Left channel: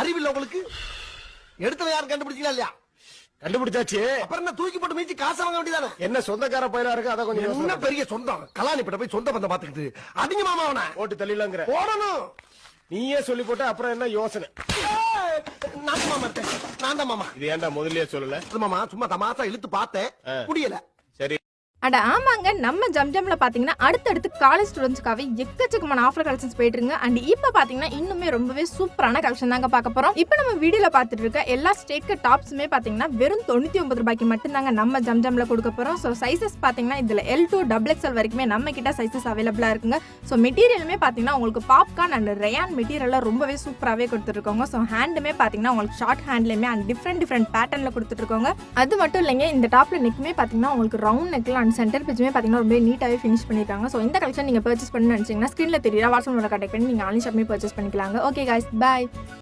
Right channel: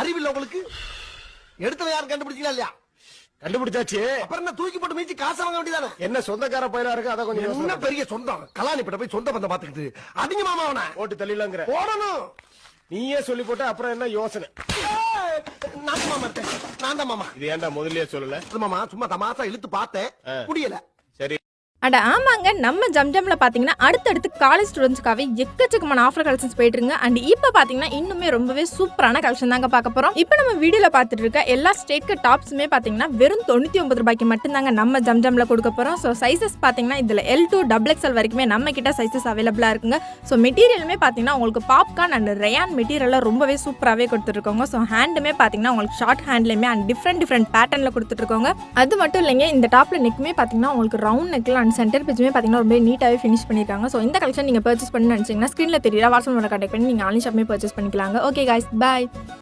அறிவில்லை உங்களுக்கு? எடுத்தவன் யாரும் கண்டுபிடிச்சீங்களா இல்லையா? கண்டுபிடிச்சாச்சு. அப்புறம் என்ன தூக்கி போட்டு மீச்சு காசு வாங்க வேண்டியதானே? என்ன சொந்தக்கார பயிலா இருக்கு, அத கொஞ்சம் என்ன பெரிய சொந்தம்? கலாணிப்பட்ட போய் சொந்த பந்தம் பாத்துக்கிட்டு அதிக மாமா அவன ஓட்டு தள்ளிலாங்கிற போடணும். நீயே சொல்லி போட்ட அப்புறம் என்ன யோசனை? நான் மாமா இருக்கேன். நான் தான் மாமா. இது ஏன்டா முதல்லயே சொல்லல? மாமா சும்மா தமாசா இழுத்து பார்த்தேன், முடியல. சரி. அட ஆமாங்க, நம்ம ஜம்ஜம்ல பாத்தீங்கன்னா அடுத்தடுத்து காலேஜ் ஸ்டூடெண்ட்ஸ்க்காகவே எக்கச்சக்கமான ஆஃபர் கலெக்ஷன்ஸ் போயிட்டு இருங்க. அண்ட் இப்போ பாத்தீங்கன்னா இன்னுமே ரொம்பவே சூப்பரான கலெக்ஷன் தாங்க பார்க்க போறோம். இப்போ நம்ம வீடியோல பார்த்துட்டு இருக்க எல்லா ஸ்டேட்க்கு டாப்ஸுமே பாத்தீங்கன்னா வெறும் 99 ரூபாய்க்கு மட்டும்தாங்க நம்ம ஜம்ஜம்ல கொடுக்க போறோம். ஸோ சைசஸ் பாத்தீங்கன்னா இதுல L2 XXL வரைக்குமே நம்ம கிட்ட சைசஸ் அவைலபிளா இருக்குங்க. ஸோ மெட்டீரியலுமே பாத்தீங்கன்னா உங்களுக்கு பாப்கார்ன் அண்ட் ரயான் மெட்டீரியல்ல ரொம்பவே சூப்பராகவே கொடுத்துருக்கோங்க. ஸோ ஹேண்டுமே பாத்தீங்கன்னா உங்களுக்கு ஷார்ட் ஹேண்ட்லயுமே அண்ட் டிஃப்ரெண்ட் பேட்டர்ன்ல கொடுத்துருக்கோங்க. அது மட்டும் இல்லைங்க, இந்த டாப்ல நெக்குமே பாத்தீங்கன்னா உங்களுக்கு ரவுண்ட் நெக்ல அண்ட் சென்டர் பேஜ்மே பாத்தீங்கன்னா ரொம்ப நீட்டாவே ஃபினிஷ் பண்ணிருக்காங்க. ஸோ இந்த கலெக்ஷன் நீங்க பர்ச்சேஸ் பண்ணணும்னு நினைச்சீங்கன்னா ஸ்கிரீன்ல தெரியல வாட்ஸ்அப் நம்பர் கான்டாக்ட் பண்ணி நீங்க ஆன்லைன் ஷாப்மே பர்ச்சேஸ் பண்ணிக்கலாங்க. Okay guys, by.